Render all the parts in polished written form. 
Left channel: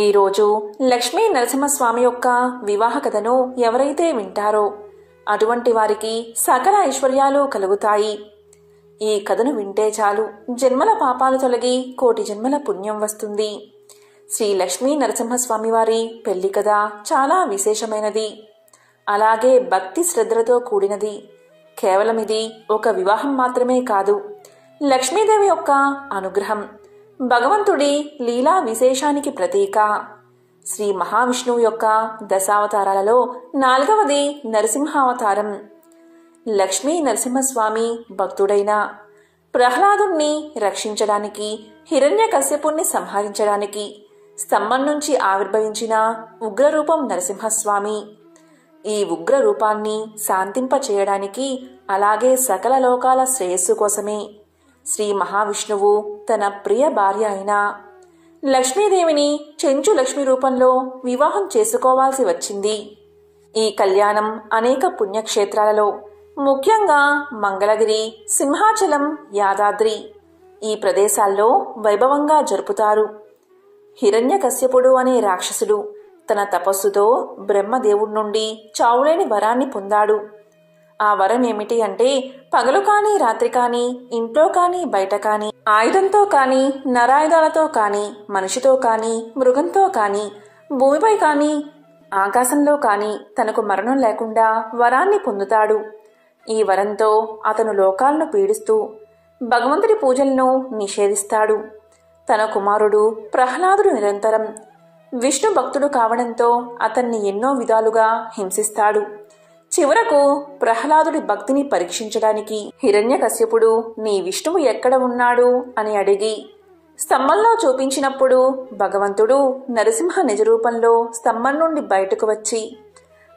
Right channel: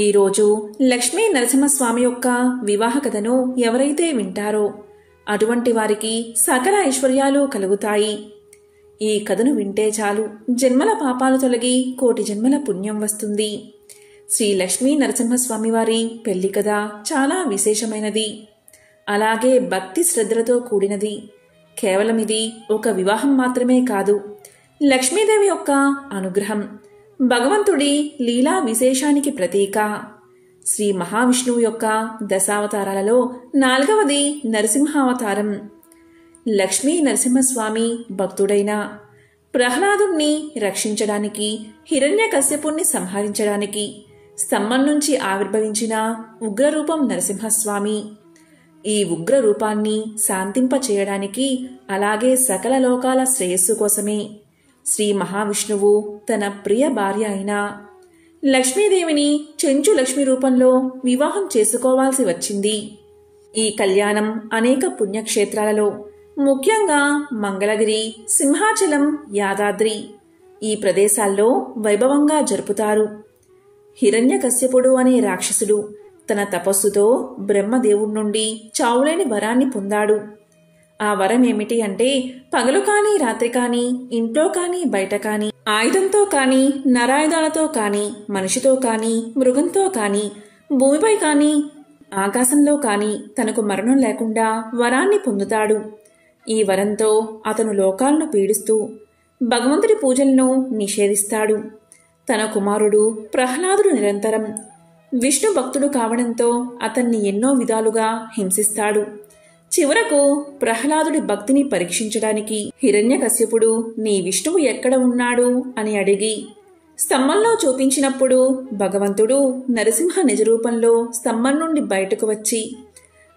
ఈరోజు లక్ష్మీ నరసింహస్వామి యొక్క వివాహ కథను ఎవరైతే వింటారో అటువంటి వారికి సకల ఐశ్వర్యాలు కలుగుతాయి. ఈ కథను వింటే చాలు జన్మల పాపాలు తొలగి కోటి జన్మల పుణ్యం వస్తుంది. శ్రీ లక్ష్మీ నరసింహస్వామి వారి పెళ్లి కథ చాలా విశేషమైనది, అలాగే భక్తి శ్రద్ధలతో కూడినది. కేవలం ఇది ఒక వివాహం మాత్రమే కాదు, లక్ష్మీదేవి యొక్క అనుగ్రహం, భగవంతుడి లీలా విశేషానికి ప్రతీక. శ్రీ మహావిష్ణువు యొక్క దశావతారాలలో 4వది నరసింహావతారం. లక్ష్మీ నరసింహస్వామి భక్తుడైన ప్రహ్లాదుణ్ణి రక్షించడానికి, హిరణ్యకశ్యపుణ్ణి సంహరించడానికి స్తంభం నుంచి ఆవిర్భవించిన ఉగ్రరూపం నరసింహస్వామి. ఈ ఉగ్ర రూపాన్ని శాంతింపచేయడానికి, అలాగే సకల లోకాల శ్రేయస్సు కోసమే శ్రీ మహావిష్ణువు తన ప్రియ భార్య అయిన లక్ష్మీదేవిని చెంచు లక్ష్మి రూపంలో వివాహం చేసుకోవాల్సి వచ్చింది. ఈ కళ్యాణం అనేక పుణ్యక్షేత్రాలలో, ముఖ్యంగా మంగళగిరి, సింహాచలం, యాదాద్రి ఈ ప్రదేశాల్లో వైభవంగా జరుపుతారు. హిరణ్యకశ్యపుడు అనే రాక్షసుడు తన తపస్సుతో బ్రహ్మదేవుడి నుండి చావులేని వరాన్ని పొందాడు. ఆ వరం ఏమిటి అంటే, పగలు కాని రాత్రి కాని, ఇంట్లో కాని బయట కాని, ఆయుధంతో కాని నరాయుధాలతో కాని, మనిషితో కాని మృగంతో కాని, భూమిపై కాని ఆకాశంలో కాని తనకు మరణం లేకుండా వరాన్ని పొందుతాడు. ఈ వరంతో అతను లోకాలను పీడిస్తూ భగవంతుడి పూజలను నిషేధిస్తాడు. తన కుమారుడు ప్రహ్లాదుడు నిరంతరం విష్ణు భక్తుడు కావడంతో అతన్ని ఎన్నో విధాలుగా హింసిస్తాడు. చివరకు ప్రహ్లాదుడి భక్తిని పరీక్షించడానికి హిరణ్యకశ్యపుడు నీ విష్ణువు ఎక్కడ ఉన్నాడు అని అడిగి స్తంభంలో చూపించినప్పుడు భగవంతుడు నరసింహ నిజరూపంలో స్తంభం నుండి బయటకు వచ్చి,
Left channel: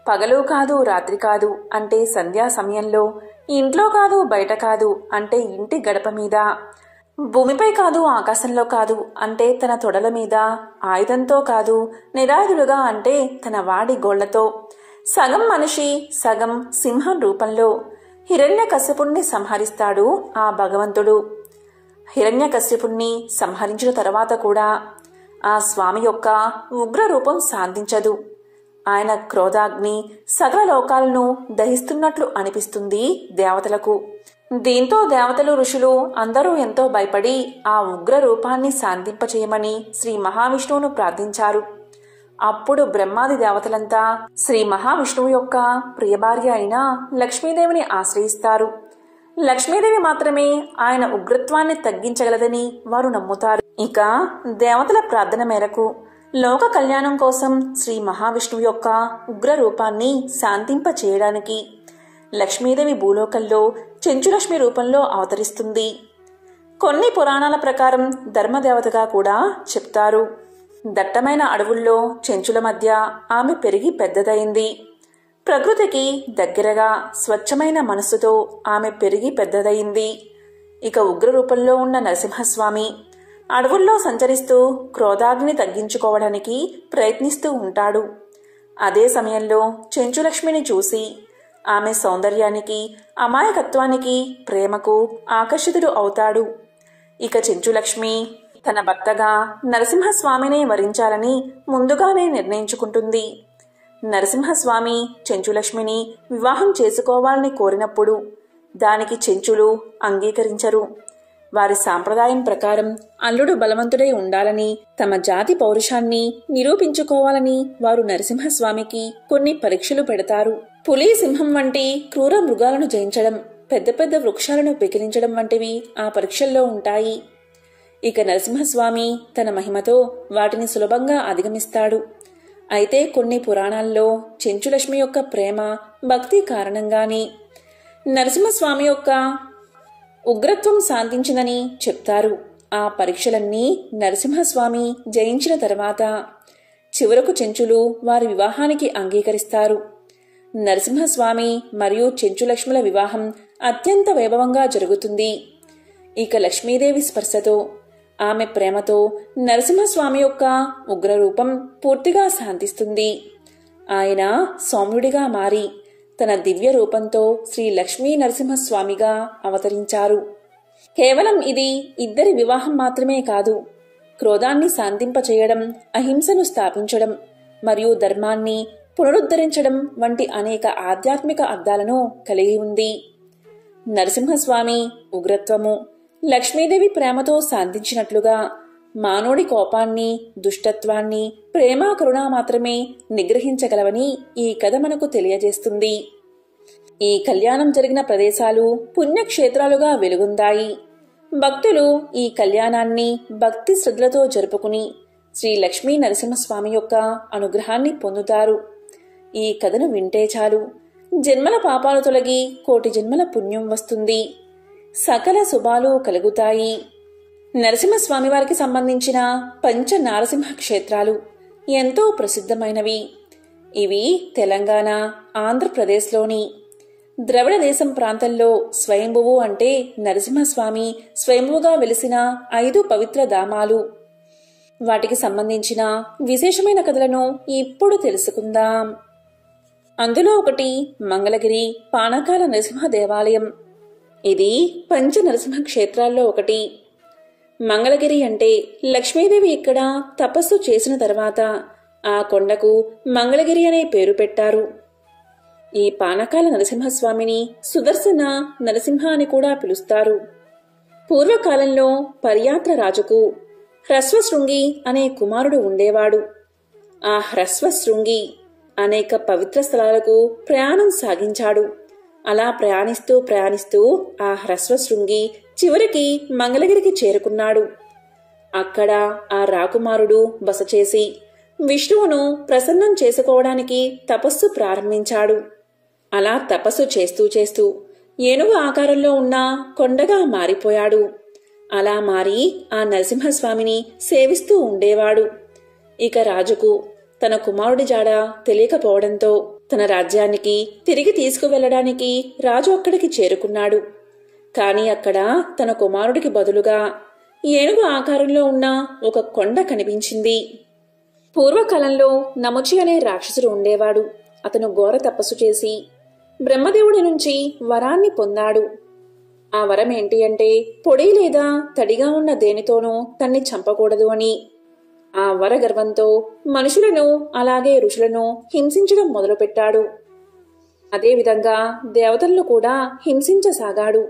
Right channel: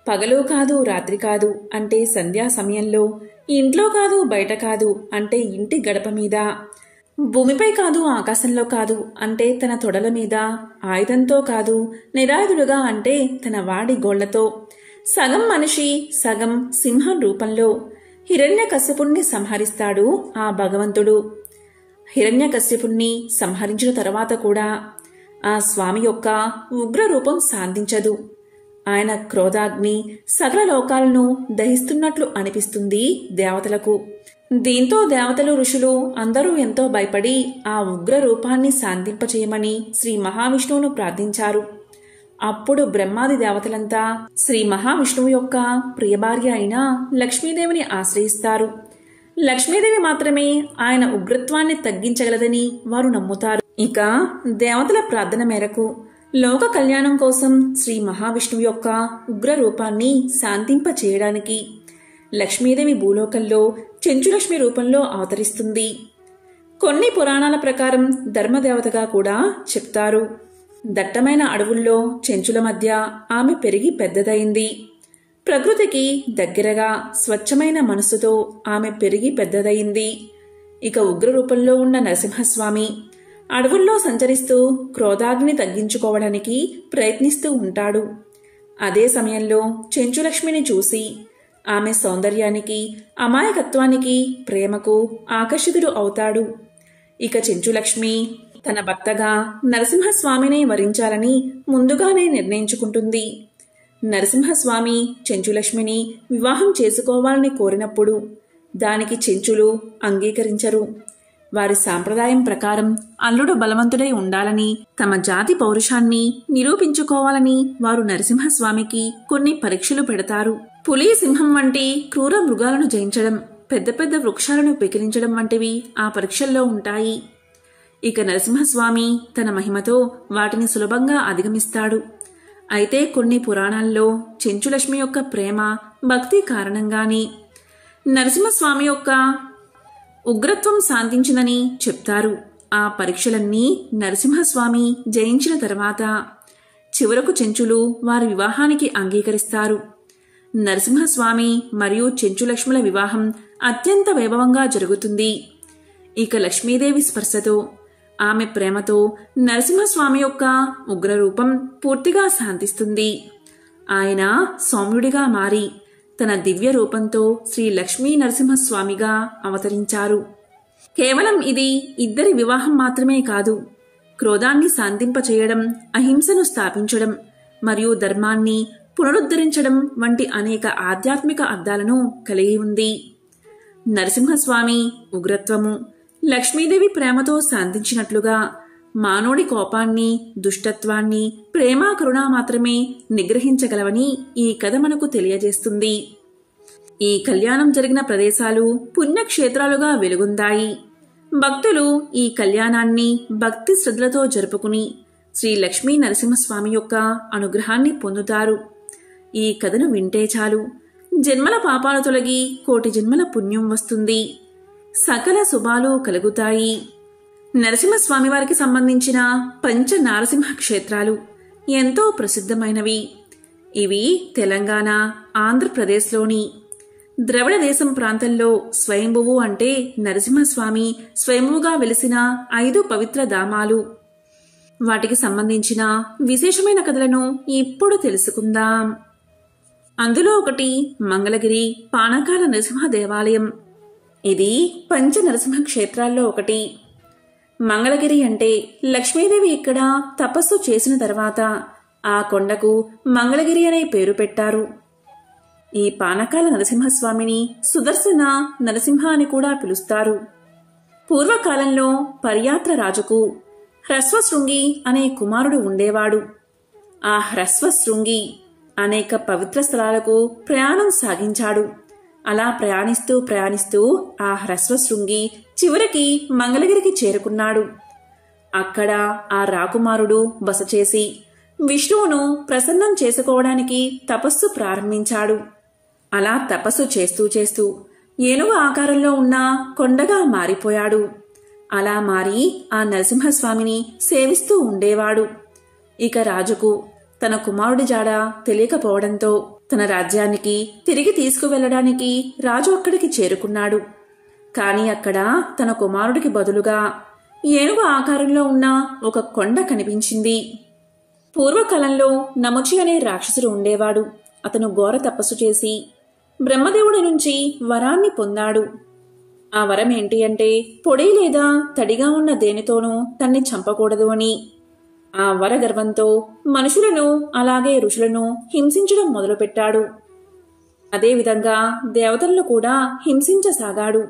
పగలు కాదు రాత్రి కాదు అంటే సంధ్యా సమయంలో, ఇంట్లో కాదు బయట కాదు అంటే ఇంటి గడప మీద, భూమిపై కాదు ఆకాశంలో కాదు అంటే తన తొడల మీద, ఆయుధంతో కాదు నిరాయుధుడుగా అంటే తన వాడి గోళ్లతో, సగం మనిషి సగం సింహం రూపంలో హిరణ్యకశ్యపుణ్ణి సంహరిస్తాడు ఆ భగవంతుడు. హిరణ్యకశ్యపుణ్ణి సంహరించిన తరువాత కూడా ఆ స్వామి యొక్క ఉగ్ర రూపం శాంతించదు. ఆయన క్రోధాగ్ని సకల లోకాలను దహిస్తున్నట్లు అనిపిస్తుంది దేవతలకు. దీంతో దేవతలు, ఋషులు అందరూ ఎంతో భయపడి ఆ ఉగ్ర రూపాన్ని శాంతింపచేయమని శ్రీ మహావిష్ణువును ప్రార్థించారు. అప్పుడు బ్రహ్మాది దేవతలంతా శ్రీ మహావిష్ణువు యొక్క ప్రియభార్య అయిన లక్ష్మీదేవిని ఆశ్రయిస్తారు. లక్ష్మీదేవి మాత్రమే ఆయన ఉగ్రత్వాన్ని తగ్గించగలదని వారు నమ్ముతారు. ఇక దేవతల ప్రార్థన మేరకు లోక కళ్యాణం కోసం శ్రీ మహావిష్ణువు యొక్క ఉగ్ర రూపాన్ని శాంతింప చేయడానికి లక్ష్మీదేవి భూలోకంలో చెంచులక్ష్మి రూపంలో అవతరిస్తుంది. కొన్ని పురాణాల ప్రకారం ధర్మదేవతగా కూడా చెప్తారు. దట్టమైన అడవుల్లో చెంచుల మధ్య ఆమె పెరిగి పెద్దదైంది. ప్రకృతికి దగ్గరగా స్వచ్ఛమైన మనస్సుతో ఆమె పెరిగి పెద్దదయింది. ఇక ఉగ్ర రూపంలో ఉన్న నరసింహస్వామి అడవుల్లో సంచరిస్తూ క్రోధాగ్ని తగ్గించుకోవడానికి ప్రయత్నిస్తూ ఉంటాడు. అదే సమయంలో చెంచులక్ష్మిని చూసి ఆమె సౌందర్యానికి, అమాయకత్వానికి, ప్రేమకు ఆకర్షితుడు అవుతాడు. ఇక చెంచులక్ష్మి తన భర్తగా నరసింహస్వామినే వరించాలని ముందుగానే నిర్ణయించుకుంటుంది. నరసింహస్వామి చెంచులక్ష్మిని వివాహం చేసుకోవాలని కోరినప్పుడు దానికి చెంచులు అంగీకరించరు. వారి సాంప్రదాయం ప్రకారం అల్లుడు బలవంతుడై ఉండాలని, తమ జాతి పౌరుషాన్ని నిరూపించుకోవాలని వారు నరసింహస్వామికి కొన్ని పరీక్షలు పెడతారు. పులి, సింహం వంటి క్రూర మృగాలను జయించడం, పెద్ద పెద్ద వృక్షాలను పెకిలించడం వంటివి ఆ పరీక్షల్లో ఉంటాయి. ఇక నరసింహస్వామి తన మహిమతో వాటిని సులభంగా అధిగమిస్తాడు. అయితే కొన్ని పురాణాల్లో చెంచులక్ష్మి యొక్క ప్రేమ, భక్తి కారణంగానే నరసింహస్వామి యొక్క ఉగ్రత్వం శాంతించిందని చెప్తారు. ఆ పరీక్షలన్నీ నరసింహస్వామి జయించిన తర్వాత చివరకు చెంచులు వారి వివాహానికి అంగీకరిస్తారు. నరసింహస్వామి మరియు చెంచులక్ష్ముల వివాహం అత్యంత వైభవంగా జరుగుతుంది. ఇక లక్ష్మీదేవి స్పర్శతో, ఆమె ప్రేమతో నరసింహస్వామి యొక్క ఉగ్రరూపం పూర్తిగా శాంతిస్తుంది. ఆయన సౌమ్యుడిగా మారి తన దివ్య రూపంతో శ్రీ లక్ష్మీ నరసింహస్వామిగా అవతరించారు. కేవలం ఇది ఇద్దరి వివాహం మాత్రమే కాదు, క్రోధాన్ని శాంతింపచేయడం, అహింసను స్థాపించడం మరియు ధర్మాన్ని పునరుద్ధరించడం వంటి అనేక ఆధ్యాత్మిక అర్థాలను కలిగి ఉంది. నరసింహస్వామి ఉగ్రత్వము లక్ష్మీదేవి ప్రేమతో శాంతించినట్లుగా మానవుడి కోపాన్ని, దుష్టత్వాన్ని ప్రేమ, కరుణ మాత్రమే నిగ్రహించగలవని ఈ కథ మనకు తెలియజేస్తుంది. ఈ కళ్యాణం జరిగిన ప్రదేశాలు పుణ్యక్షేత్రాలుగా వెలుగొందాయి. భక్తులు ఈ కళ్యాణాన్ని భక్తి శ్రద్ధలతో జరుపుకుని శ్రీ లక్ష్మీ నరసింహస్వామి యొక్క అనుగ్రహాన్ని పొందుతారు. ఈ కథను వింటే చాలు జన్మల పాపాలు తొలగి కోటి జన్మల పుణ్యం వస్తుంది. సకల శుభాలు కలుగుతాయి. నరసింహస్వామి వారికి సంబంధించిన పంచ నారసింహ క్షేత్రాలు ఎంతో ప్రసిద్ధమైనవి. ఇవి తెలంగాణ, ఆంధ్రప్రదేశ్లోని ద్రవిడ దేశం ప్రాంతంలో స్వయంభువు అంటే నరసింహస్వామి స్వయంభువుగా వెలిసిన 5 పవిత్ర ధామాలు. వాటికి సంబంధించిన విశేషమైన కథలను ఇప్పుడు తెలుసుకుందాం. అందులో ఒకటి మంగళగిరి పానకాల నరసింహ దేవాలయం. ఇది పంచ నరసింహ క్షేత్రాల్లో ఒకటి. మంగళగిరి అంటే లక్ష్మీదేవి ఇక్కడ తపస్సు చేసిన తర్వాత ఆ కొండకు మంగళగిరి అనే పేరు పెట్టారు. ఈ పానకాల నరసింహస్వామిని సుదర్శన నరసింహ అని కూడా పిలుస్తారు. పూర్వకాలంలో పర్యాత్ర రాజుకు హ్రస్వశృంగి అనే కుమారుడు ఉండేవాడు. ఆ హ్రస్వశృంగి అనేక పవిత్ర స్థలాలకు ప్రయాణం సాగించాడు. అలా ప్రయాణిస్తూ ఆ హ్రస్వశృంగి చివరికి మంగళగిరికి చేరుకున్నాడు. అక్కడ ఆ రాకుమారుడు బస చేసి విష్ణువును ప్రసన్నం చేసుకోవడానికి తపస్సు ప్రారంభించాడు. అలా తపస్సు చేస్తూ ఏనుగు ఆకారంలో ఉన్న కొండగా మారిపోయాడు. అలా మారి ఆ నరసింహస్వామిని సేవిస్తూ ఉండేవాడు. ఇక రాజుకు తన కుమారుడి జాడ తెలియకపోవడంతో తన రాజ్యానికి తిరిగి తీసుకువెళ్లడానికి రాజు అక్కడికి చేరుకున్నాడు. కాని అక్కడ తన కుమారుడికి బదులుగా ఏనుగు ఆకారంలో ఉన్న ఒక కొండ కనిపించింది. పూర్వకాలంలో నముచి అనే రాక్షసుడు ఉండేవాడు. అతను ఘోర తపస్సు చేసి బ్రహ్మదేవుడి నుంచి వరాన్ని పొందాడు. ఆ వరం ఏంటి అంటే పొడి లేదా తడిగా ఉన్న దేనితోనూ తన్ని చంపకూడదు అని. ఆ వర గర్వంతో మనుషులను అలాగే ఋషులను హింసించడం మొదలుపెట్టాడు. అదేవిధంగా దేవతలను కూడా హింసించసాగాడు.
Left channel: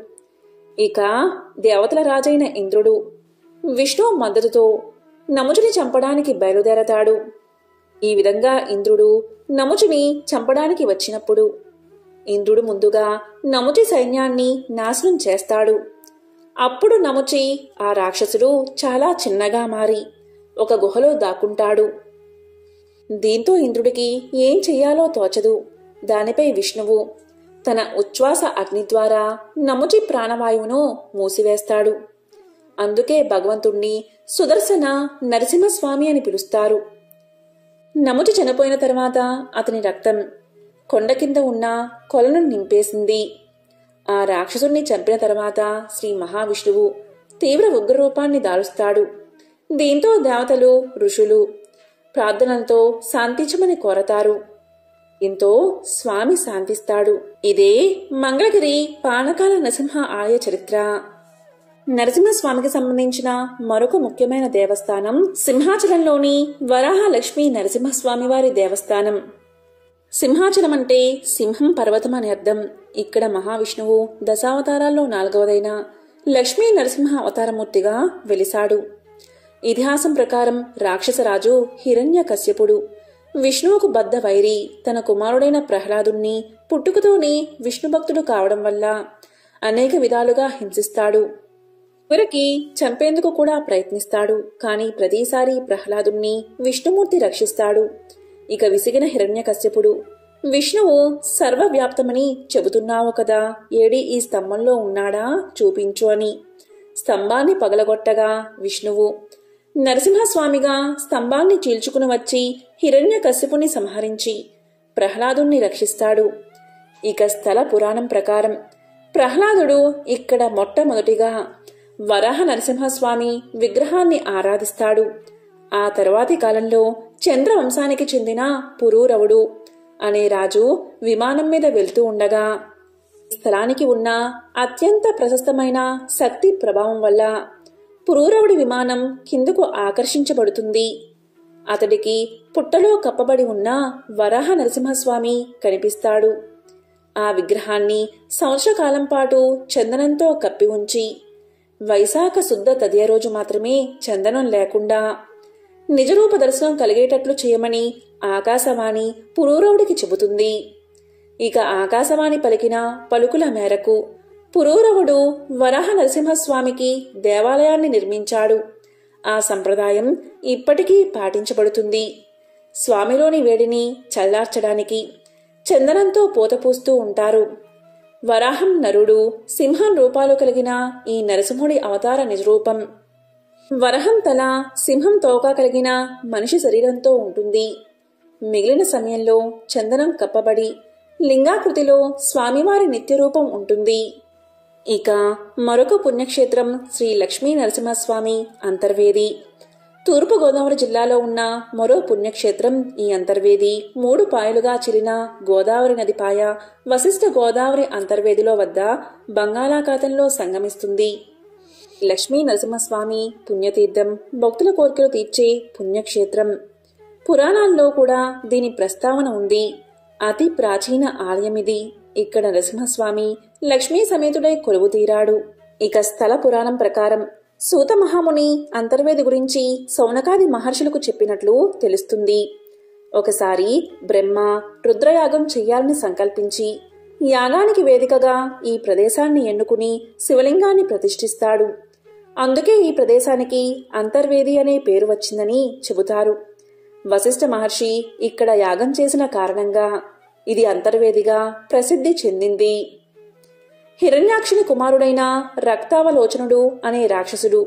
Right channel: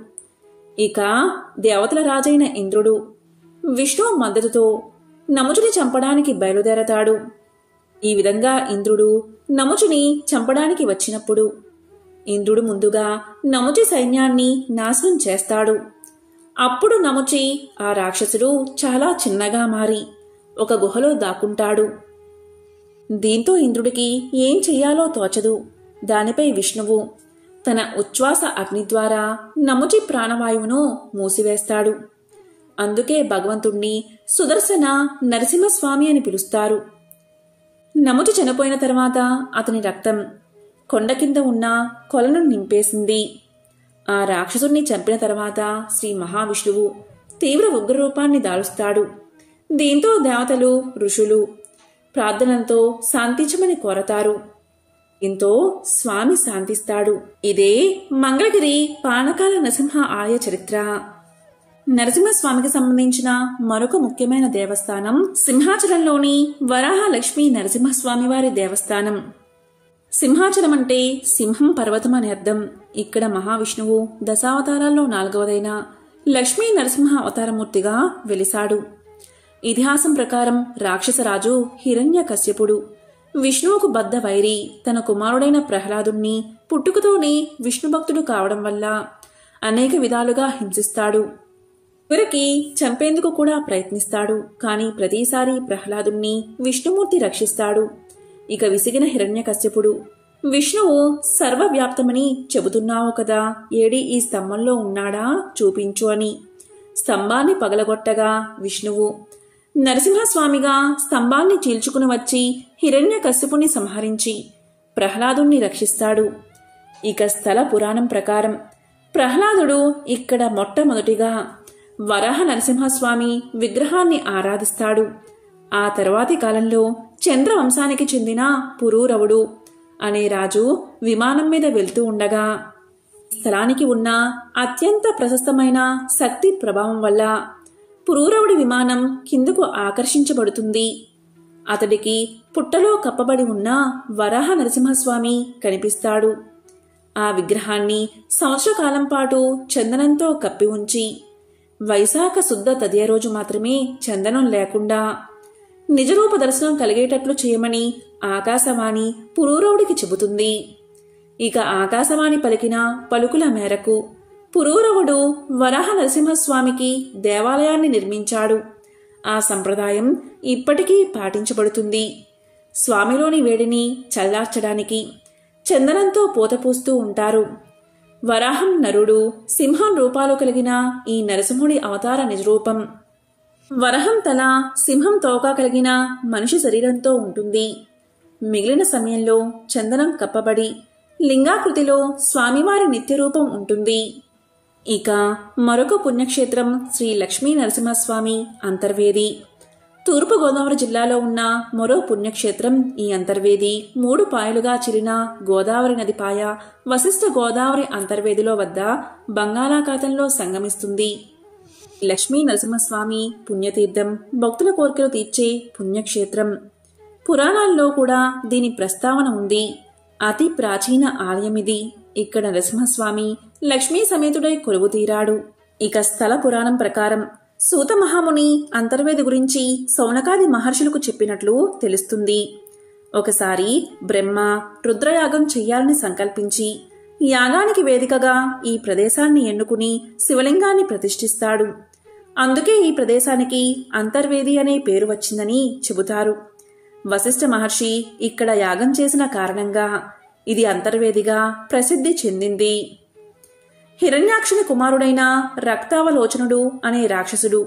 ఇక దేవతల రాజైన ఇంద్రుడు విష్ణువు మద్దతుతో నముచుని చంపడానికి బయలుదేరతాడు. ఈ విధంగా ఇంద్రుడు నముచుని చంపడానికి వచ్చినప్పుడు ఇంద్రుడు ముందుగా నముచి సైన్యాన్ని నాశనం చేస్తాడు. అప్పుడు నముచి ఆ రాక్షసుడు చాలా చిన్నగా మారి ఒక గుహలో దాక్కుంటాడు. దీంతో ఇంద్రుడికి ఏం చెయ్యాలో తోచదు. దానిపై విష్ణువు తన ఉచ్ఛ్వాస అగ్ని ద్వారా నముచి ప్రాణవాయువును మూసివేస్తాడు. అందుకే భగవంతుణ్ణి సుదర్శన నరసింహస్వామి అని పిలుస్తారు. నముచి చనిపోయిన తర్వాత అతని రక్తం కొండ కింద ఉన్న కొలను నింపేసింది. ఆ రాక్షసుణ్ణి చంపిన తర్వాత శ్రీ మహావిష్ణువు తీవ్ర ఉగ్రరూపాన్ని దాలుస్తాడు. దీంతో దేవతలు, ఋషులు ప్రార్థనలతో శాంతించమని కోరతారు. ఇంతో స్వామి శాంతిస్తాడు. ఇదే మంగళగిరి పానకాల నరసింహ ఆలయ చరిత్ర. నరసింహస్వామికి సంబంధించిన మరొక ముఖ్యమైన దేవస్థానం సింహాచలంలోని వరాహ లక్ష్మీ నరసింహస్వామి వారి దేవస్థానం. సింహాచలం అంటే సింహం పర్వతం అని అర్థం. ఇక్కడ మహావిష్ణువు దశావతారాల్లో 4వదైన లక్ష్మీ నరసింహ అవతారమూర్తిగా వెలిశాడు. ఇతిహాసం ప్రకారం రాక్షసరాజు హిరణ్యకశ్యపుడు విష్ణువుకు బద్ధ వైరి. తన కుమారుడైన ప్రహ్లాదుణ్ణి పుట్టుకతోనే విష్ణుభక్తుడు కావడం వల్ల అనేక విధాలుగా హింసిస్తాడు. చివరికి చంపేందుకు కూడా ప్రయత్నిస్తాడు. కాని ప్రతిసారి ప్రహ్లాదుణ్ణి విష్ణుమూర్తి రక్షిస్తాడు. ఇక విసిగిన హిరణ్యకశ్యపుడు విష్ణువు సర్వవ్యాప్తమని చెబుతున్నావు కదా, ఏడి ఈ స్తంభంలో ఉన్నాడా చూపించు అని స్తంభాన్ని పగలగొట్టగా విష్ణువు నరసింహస్వామిగా స్తంభాన్ని చీల్చుకుని వచ్చి హిరణ్యకశ్యపుని సంహరించి ప్రహ్లాదుణ్ణి రక్షిస్తాడు. ఇక స్థల పురాణం ప్రకారం ప్రహ్లాదుడు ఇక్కడ మొట్టమొదటిగా వరాహ నరసింహస్వామి విగ్రహాన్ని ఆరాధిస్తాడు. ఆ తరువాతి కాలంలో చంద్రవంశానికి చెందిన పురూరవుడు అనే రాజు విమానం మీద వెళ్తూ ఉండగా స్థలానికి ఉన్న అత్యంత ప్రశస్తమైన శక్తి ప్రభావం వల్ల పురూరవుడి విమానం కిందకు ఆకర్షించబడుతుంది. అతడికి పుట్టలో కప్పబడి ఉన్న వరాహ నరసింహస్వామి కనిపిస్తాడు. ఆ విగ్రహాన్ని సంవత్సరకాలం పాటు చందనంతో కప్పి ఉంచి వైశాఖ శుద్ధ తదియ రోజు మాత్రమే చందనం లేకుండా నిజరూప దర్శనం కలిగేటట్లు చేయమని ఆకాశవాణి పురూరవుడికి చెబుతుంది. ఇక ఆకాశవాణి పలికిన పలుకుల మేరకు పురూరవుడు వరాహ నరసింహస్వామికి దేవాలయాన్ని నిర్మించాడు. ఆ సంప్రదాయం ఇప్పటికీ పాటించబడుతుంది. స్వామిలోని వేడిని చల్లార్చడానికి చందనంతో పోతపూస్తూ ఉంటారు. వరాహం నరుడు, సింహం రూపాలు కలిగిన ఈ నరసింహుడి అవతార నిజరూపం. వరహం తల, సింహం తోక కలిగిన మనిషి శరీరంతో ఉంటుంది. మిగిలిన సమయంలో చందనం కప్పబడి లింగాకృతిలో స్వామివారి నిత్యరూపం ఉంటుంది. ఇక మరొక పుణ్యక్షేత్రం శ్రీ లక్ష్మీ నరసింహస్వామి అంతర్వేది. తూర్పుగోదావరి జిల్లాలో ఉన్న మరో పుణ్యక్షేత్రం ఈ అంతర్వేది 3 పాయలుగా చిరిన గోదావరి నది పాయ వశిష్ఠ గోదావరి అంతర్వేదిలో వద్ద బంగాళాఖాతంలో సంగమిస్తుంది. లక్ష్మీ నరసింహస్వామి పుణ్యతీర్థం, భక్తుల కోరికలు తీర్చే పుణ్యక్షేత్రం. పురాణాల్లో కూడా దీని ప్రస్తావన ఉంది. అతి ప్రాచీన ఆలయమిది. ఇక్కడ నరసింహస్వామి లక్ష్మీ సమేతుడై కొలువుతీరాడు. ఇక స్థల పురాణం ప్రకారం సూత మహాముని అంతర్వేది గురించి సౌనకాది మహర్షులకు చెప్పినట్లు తెలుస్తుంది. ఒకసారి బ్రహ్మ రుద్రయాగం చెయ్యాలని సంకల్పించి యాగానికి వేదికగా ఈ ప్రదేశాన్ని ఎన్నుకుని శివలింగాన్ని ప్రతిష్ఠిస్తాడు. అందుకే ఈ ప్రదేశానికి అంతర్వేది అనే పేరు వచ్చిందని చెబుతారు. వశిష్ఠ మహర్షి ఇక్కడ యాగం చేసిన కారణంగా ఇది అంతర్వేదిగా ప్రసిద్ధి చెందింది. హిరణ్యాక్షుని కుమారుడైన రక్తావలోచనుడు అనే రాక్షసుడు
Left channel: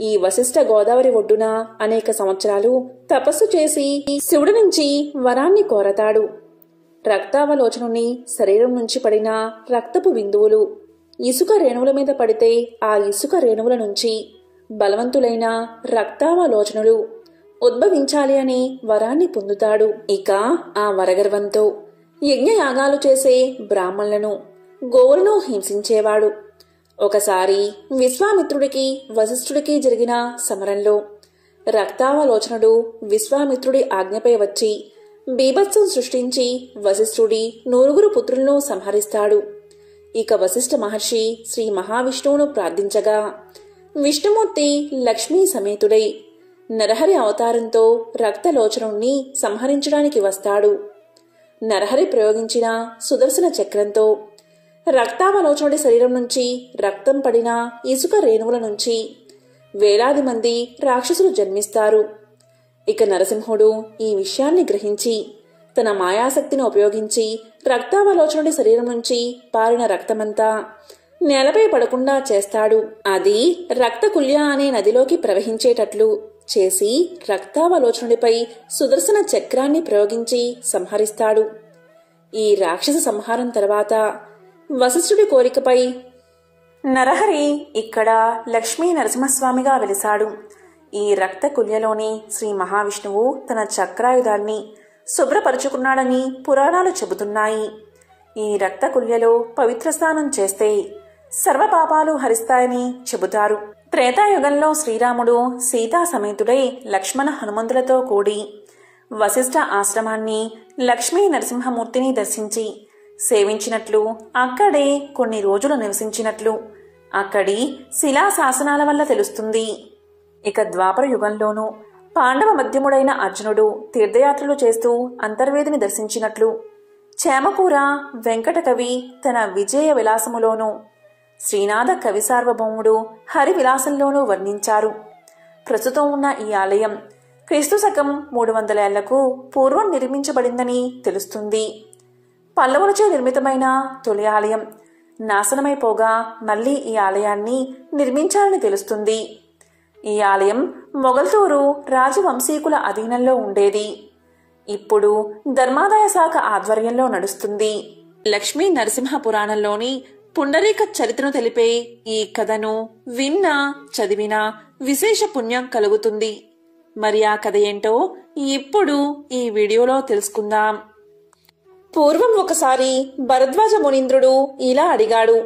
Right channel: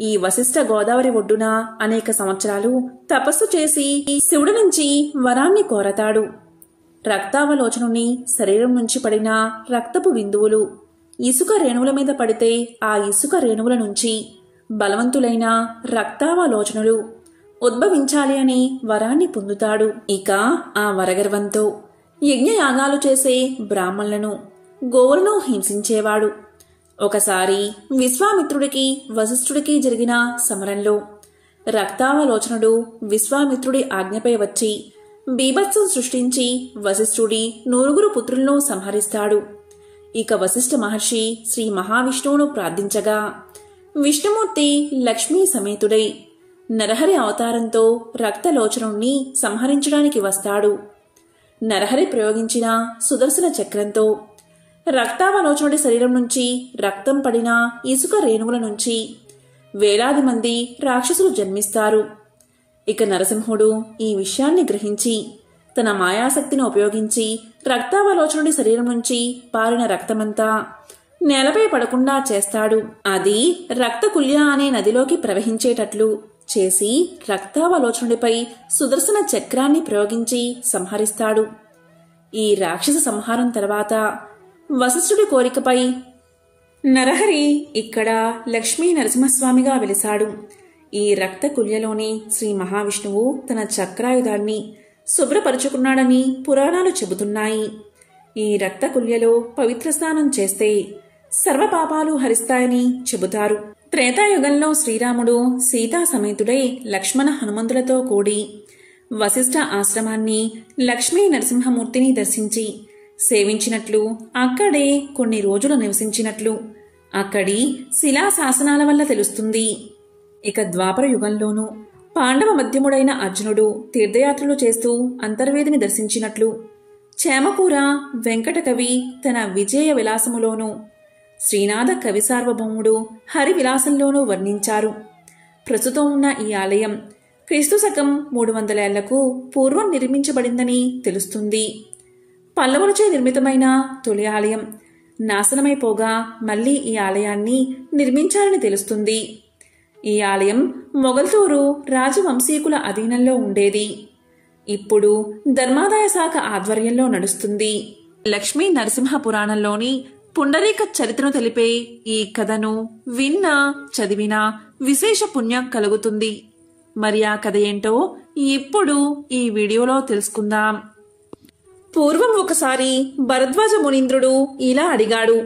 ఈ వశిష్ఠ గోదావరి ఒడ్డున అనేక సంవత్సరాలు తపస్సు చేసి శివుడి నుంచి వరాన్ని కోరతాడు. రక్తావలోచనుని శరీరం నుంచి పడిన రక్తపు బిందువులు ఇసుక రేణువుల మీద పడితే ఆ ఇసుక రేణువుల నుంచి బలవంతులైన రక్తావలోచనులు ఉద్భవించాలి అని వరాన్ని పొందుతాడు. ఇక ఆ వరగర్వంతో యజ్ఞయాగాలు చేసే బ్రాహ్మణులను, గోవులను హింసించేవాడు. ఒకసారి విశ్వామిత్రుడికి వశిష్ఠుడికి జరిగిన సమరంలో రక్తావలోచనుడు విశ్వామిత్రుడి ఆజ్ఞపై వచ్చి బీభత్సం సృష్టించి వశిష్ఠుడి 9 పుత్రులను సంహరిస్తాడు. ఇక వశిష్ఠ మహర్షి శ్రీ మహావిష్ణువును ప్రార్థించగా విష్ణుమూర్తి లక్ష్మీ సమేతుడై నరహరి అవతారంతో రక్తలోచనుణ్ణి సంహరించడానికి వస్తాడు. నరహరి ప్రయోగించిన సుదర్శన చక్రంతో రక్తావలోచనుడి శరీరం నుంచి రక్తం పడిన ఇసుక రేణువుల నుంచి వేలాది మంది రాక్షసులు జన్మిస్తారు. ఇక నరసింహుడు ఈ విషయాన్ని గ్రహించి తన మాయాశక్తిని ఉపయోగించి రక్తావలోచనుడి శరీరం నుంచి పారిన రక్తమంతా నేలపై పడకుండా చేస్తాడు. అది రక్తకుల్య అనే నదిలోకి ప్రవహించేటట్లు చేసి రక్తావలోచనుడిపై సుదర్శన చక్రాన్ని ప్రయోగించి సంహరిస్తాడు. ఈ రాక్షస సంహారం తర్వాత వశిష్ఠుడి కోరికపై నరహరి ఇక్కడ లక్ష్మీ నరసింహస్వామిగా వెలిశాడు. ఈ రక్తకుల్యలోని శ్రీ మహావిష్ణువు తన చక్రాయుధాన్ని శుభ్రపరుచుకున్నాడని పురాణాలు చెబుతున్నాయి. ఈ రక్తకుల్యలో పవిత్ర స్నానం చేస్తే సర్వపాపాలు హరిస్తాయని చెబుతారు. త్రేతాయుగంలో శ్రీరాముడు సీతా సమేతుడై లక్ష్మణ హనుమంతులతో కూడి వశిష్ఠ ఆశ్రమాన్ని లక్ష్మీ నరసింహమూర్తిని దర్శించి సేవించినట్లు, అక్కడే కొన్ని రోజులు నివసించినట్లు అక్కడి శిలాశాసనాల వల్ల తెలుస్తుంది. ఇక ద్వాపర యుగంలోనూ పాండవ మధ్యముడైన అర్జునుడు తీర్థయాత్రలు చేస్తూ అంతర్వేదిని దర్శించినట్లు చేమకూర వెంకటకవి తన విజయ విలాసములోనూ శ్రీనాథ కవి సార్వభౌముడు హరి విలాసంలోనూ వర్ణించారు. ప్రస్తుతం ఉన్న ఈ ఆలయం క్రీస్తు శకం 300 ఏళ్లకు పూర్వం నిర్మించబడిందని తెలుస్తుంది. పల్లవులచే నిర్మితమైన తొలి ఆలయం నాశనమైపోగా మళ్లీ ఈ ఆలయాన్ని నిర్మించాలని తెలుస్తుంది. ఈ ఆలయం మొగల్తూరు రాజవంశీకుల అధీనంలో ఉండేది. ఇప్పుడు ధర్మాదాయ శాఖ ఆధ్వర్యంలో నడుస్తుంది. లక్ష్మీ నరసింహ పురాణంలోని పుండరీక చరిత్రను తెలిపే ఈ కథను విన్నా చదివినా విశేష పుణ్యం కలుగుతుంది. మరి ఆ కథ ఏంటో ఇప్పుడు ఈ వీడియోలో తెలుసుకుందాం. పూర్వం ఒకసారి భరద్వాజ మునీంద్రుడు ఇలా అడిగాడు,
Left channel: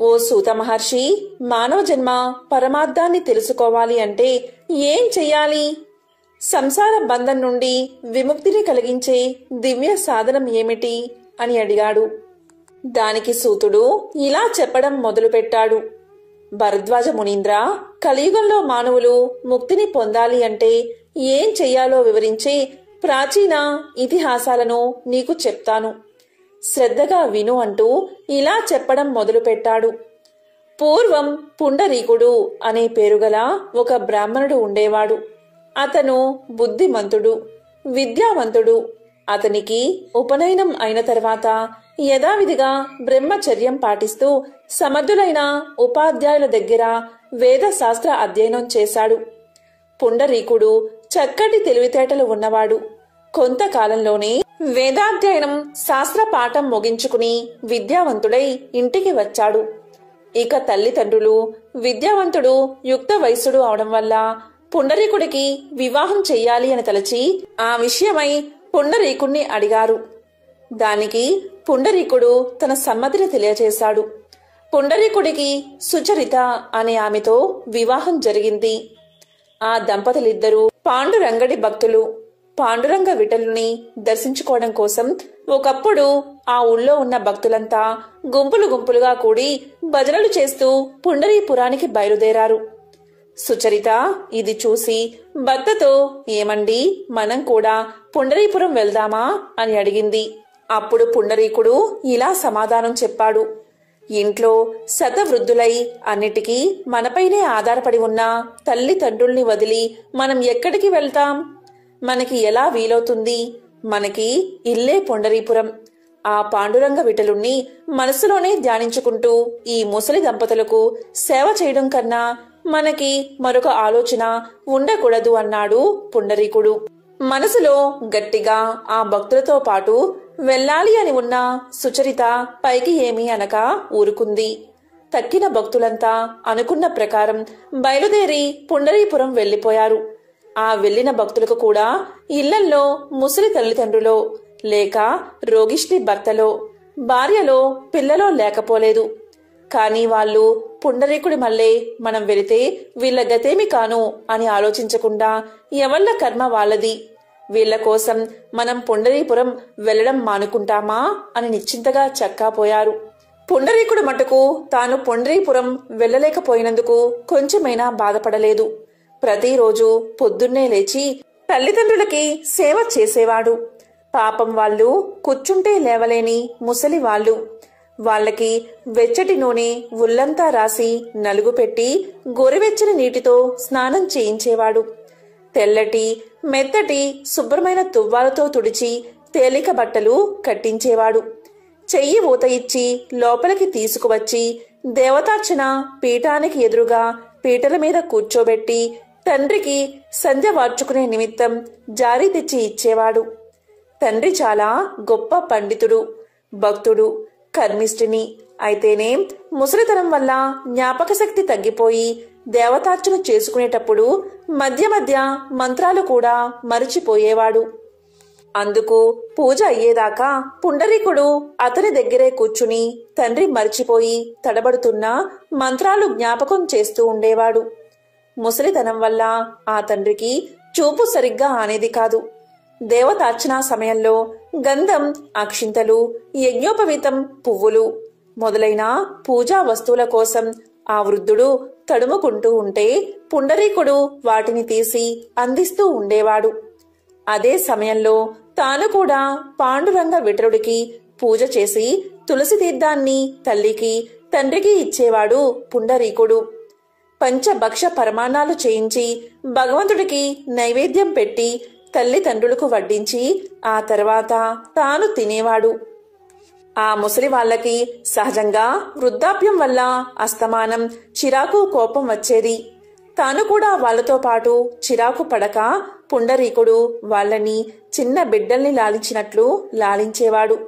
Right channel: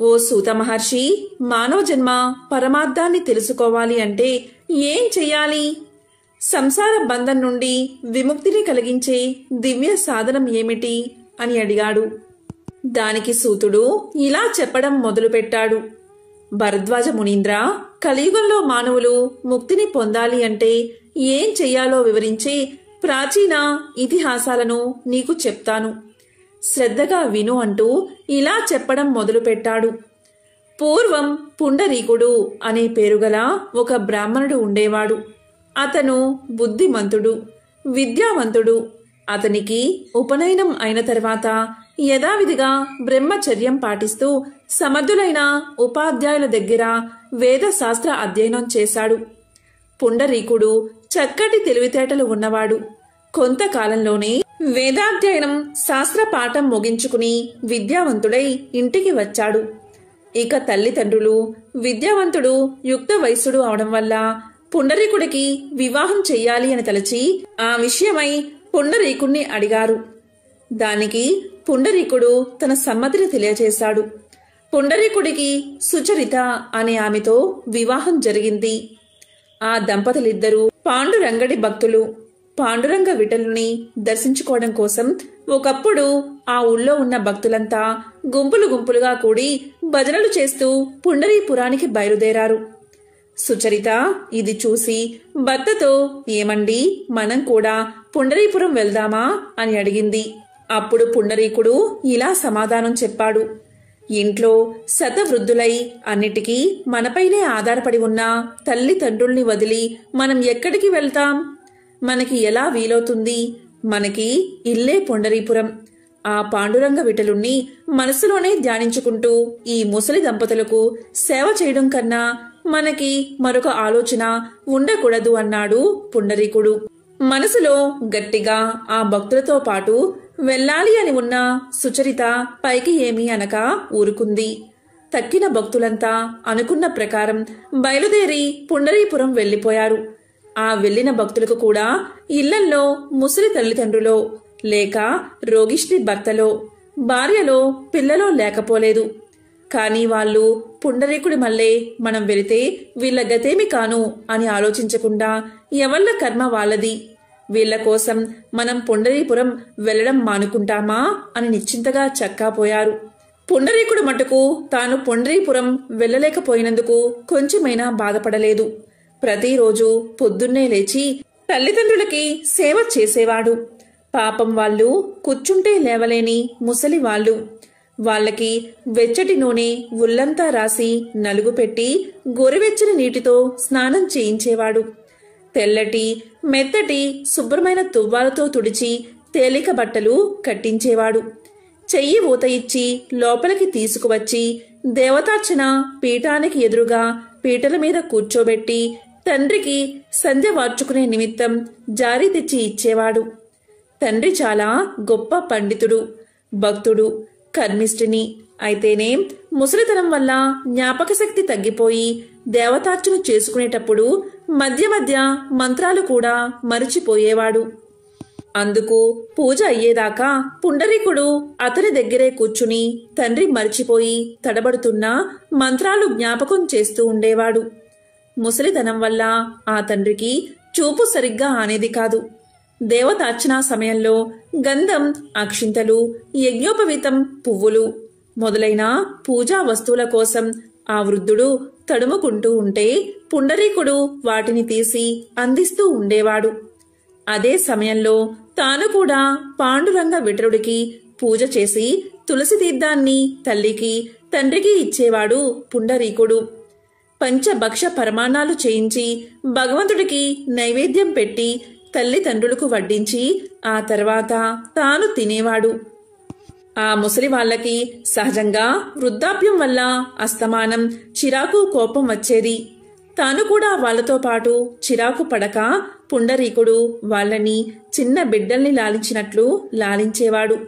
ఓ సూత మహర్షి, మానవ జన్మ పరమార్థాన్ని తెలుసుకోవాలి అంటే ఏం చెయ్యాలి? సంసార బంధం నుండి విముక్తిని కలిగించే దివ్య సాధనం ఏమిటి అని అడిగాడు. దానికి సూతుడు ఇలా చెప్పడం మొదలుపెట్టాడు. భరద్వాజ మునీంద్ర, కలియుగంలో మానవులు ముక్తిని పొందాలి అంటే ఏం చెయ్యాలో వివరించే ప్రాచీన ఇతిహాసాలను నీకు చెప్తాను. శ్రద్ధగా విను అంటూ ఇలా చెప్పడం మొదలుపెట్టాడు. పూర్వం పుండరీకుడు అనే పేరుగల ఒక బ్రాహ్మణుడు ఉండేవాడు. అతను బుద్ధిమంతుడు, విద్యావంతుడు. అతనికి ఉపనయనం అయిన తర్వాత యథావిధిగా బ్రహ్మచర్యం పాటిస్తూ సమర్థులైన ఉపాధ్యాయుల దగ్గర వేద శాస్త్ర అధ్యయనం చేశాడు. పుండరీకుడు చక్కటి తెలివితేటలు ఉన్నవాడు. కొంతకాలంలోనే వేదాధ్యయనం శాస్త్ర పాఠం ముగించుకుని విద్యావంతుడై ఇంటికి వచ్చాడు. ఇక తల్లిదండ్రులు విద్యావంతుడు యుక్త వయస్సుడు అవడం వల్ల పుండరీకుడికి వివాహం చెయ్యాలి అని తలచి ఆ విషయమై పుండరీకుణ్ణి అడిగారు. దానికి పుండరీకుడు తన సమ్మతిని తెలియచేశాడు. పుండరీకుడికి సుచరిత అనే ఆమెతో వివాహం జరిగింది. ఆ దంపతులిద్దరూ పాండురంగడి భక్తులు. పాండురంగ విఠలుని దర్శించుకోవడం కోసం ఒకప్పుడు ఆ ఊళ్ళో ఉన్న భక్తులంతా గుంపులు గుంపులుగా కూడి భజనలు చేస్తూ పుండరీపురానికి బయలుదేరారు. సుచరిత ఇది చూసి భర్తతో, ఏమండి, మనం కూడా పుండరీపురం వెళ్దామా అని అడిగింది. అప్పుడు పుండరీకుడు ఇలా సమాధానం చెప్పాడు. ఇంట్లో శతవృద్ధులై అన్నిటికీ మనపైనే ఆధారపడి ఉన్న తల్లిదండ్రుల్ని వదిలి మనం ఎక్కడికి వెళ్తాం? మనకి ఎలా వీలవుతుంది? మనకి ఇల్లే పుండరీపురం. ఆ పాండురంగ విఠలుణ్ణి మనసులోనే ధ్యానించుకుంటూ ఈ ముసలి దంపతులకు సేవ చేయడం కన్నా మనకి మరొక ఆలోచన ఉండకూడదు అన్నాడు పుండరీకుడు. మనసులో గట్టిగా ఆ భక్తులతో పాటు వెళ్ళాలి అని ఉన్న సుచరిత పైకి ఏమీ అనక ఊరుకుంది. తక్కిన భక్తులంతా అనుకున్న ప్రకారం బయలుదేరి పుండరీపురం వెళ్లిపోయారు. ఆ వెళ్లిన భక్తులకు కూడా ఇళ్లల్లో ముసలి తల్లిదండ్రులో లేక రోగిష్టి భర్తలో భార్యలో పిల్లలో లేకపోలేదు. కాని వాళ్ళు పుండరీకుడి మళ్ళే మనం వెళితే వీళ్ల గతేమి కాను అని ఆలోచించకుండా ఎవళ్ల కర్మ వాళ్ళది, వీళ్ల కోసం మనం పుండరీపురం వెళ్లడం మానుకుంటామా అని నిశ్చింతగా చక్కాపోయారు. పుండరీకుడు మటుకు తాను పుండరీపురం వెళ్లలేకపోయినందుకు కొంచెమైనా బాధపడలేదు. ప్రతిరోజు పొద్దున్నే లేచి తల్లిదండ్రులకి సేవ చేసేవాడు. పాపం వాళ్ళు కూర్చుంటే లేవలేని ముసలి వాళ్ళు. వాళ్ళకి వెచ్చటి నూనె ఉల్లంతా రాసి నలుగు పెట్టి గోరువెచ్చని నీటితో స్నానం చేయించేవాడు. తెల్లటి మెత్తటి శుభ్రమైన తువ్వాలతో తుడిచి తేలిక బట్టలు కట్టించేవాడు. చెయ్యి ఊత ఇచ్చి లోపలికి తీసుకువచ్చి దేవతార్చన పీఠానికి ఎదురుగా పీటల మీద కూర్చోబెట్టి తండ్రికి సంధ్య వార్చుకునే నిమిత్తం జారీ తెచ్చి ఇచ్చేవాడు. తండ్రి చాలా గొప్ప పండితుడు, భక్తుడు, కర్మిష్ఠిని. అయితేనే ముసలితనం వల్ల జ్ఞాపక శక్తి తగ్గిపోయి దేవతార్చన చేసుకునేటప్పుడు మధ్య మధ్య మంత్రాలు కూడా మరిచిపోయేవాడు. అందుకు పూజ అయ్యేదాకా పుండరీకుడు అతని దగ్గరే కూర్చుని తండ్రి మరిచిపోయి తడబడుతున్న మంత్రాలు జ్ఞాపకం చేస్తూ ఉండేవాడు. ముసలితనం వల్ల ఆ తండ్రికి చూపు సరిగ్గా ఆనేది కాదు. దేవతార్చనా సమయంలో గంధం, అక్షింతలు, యజ్ఞోపవీతం, పువ్వులు మొదలైన పూజా వస్తువుల కోసం ఆ వృద్ధుడు తడుముకుంటూ ఉంటే పుండరీకుడు వాటిని తీసి అందిస్తూ ఉండేవాడు. అదే సమయంలో తాను కూడా పాండురంగ విఠలుడికి పూజ చేసి తులసి తీర్థాన్ని తల్లికి తండ్రికి ఇచ్చేవాడు పుండరీకుడు. పంచభక్ష పరమాణాలు చేయించి భగవంతుడికి నైవేద్యం పెట్టి తల్లిదండ్రులకు వడ్డించి ఆ తర్వాత తాను తినేవాడు. ఆ ముసలి వాళ్లకి సహజంగా వృద్ధాప్యం వల్ల అస్తమానం చిరాకు, కోపం వచ్చేది. తాను కూడా వాళ్లతో పాటు చిరాకు పడక పుండరీకుడు వాళ్లని చిన్న బిడ్డల్ని లాలించినట్లు లాలించేవాడు.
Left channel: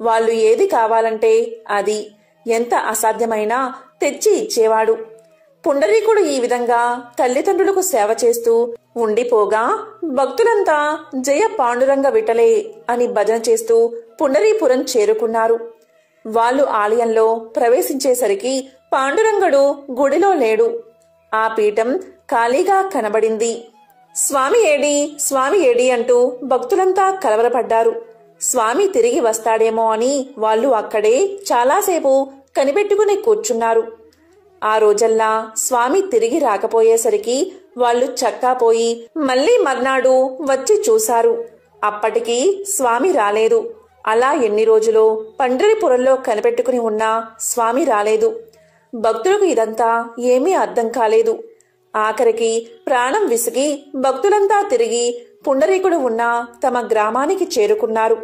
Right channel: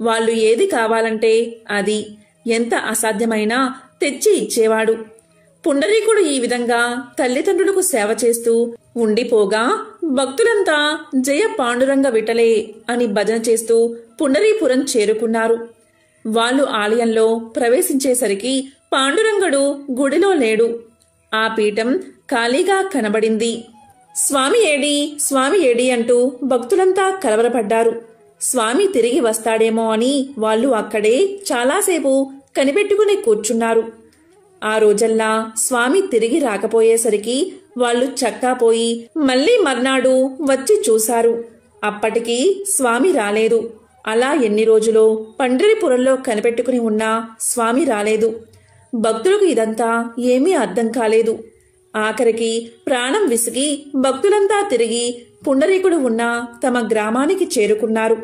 వాళ్ళు ఏది కావాలంటే అది ఎంత అసాధ్యమైనా తెచ్చి ఇచ్చేవాడు. పుండరీకుడు ఈ విధంగా తల్లిదండ్రులకు సేవ చేస్తూ ఉండిపోగా భక్తులంతా జయ పాండురంగ విఠలే అని భజన చేస్తూ పుండరీపురం చేరుకున్నారు. వాళ్ళు ఆలయంలో ప్రవేశించేసరికి పాండురంగడు గుడిలో లేడు. ఆ పీఠం ఖాళీగా కనబడింది. స్వామి ఏడి, స్వామి ఏడి అంటూ భక్తులంతా కలవరపడ్డారు. స్వామి తిరిగి వస్తాడేమో అని వాళ్ళు అక్కడే చాలాసేపు కనిపెట్టుకుని కూర్చున్నారు. ఆ రోజల్లా స్వామి తిరిగి రాకపోయేసరికి వాళ్ళు చక్కాపోయి మళ్లీ మర్నాడు వచ్చి చూశారు. అప్పటికి స్వామి రాలేదు. అలా ఎన్ని రోజులో పండరిపురంలో కనిపెట్టుకుని ఉన్నా స్వామి రాలేదు. భక్తులకు ఇదంతా ఏమీ అర్థం కాలేదు. ఆఖరికి ప్రాణం విసిగి భక్తులంతా తిరిగి పుండరీకుడు ఉన్న తమ గ్రామానికి చేరుకున్నారు.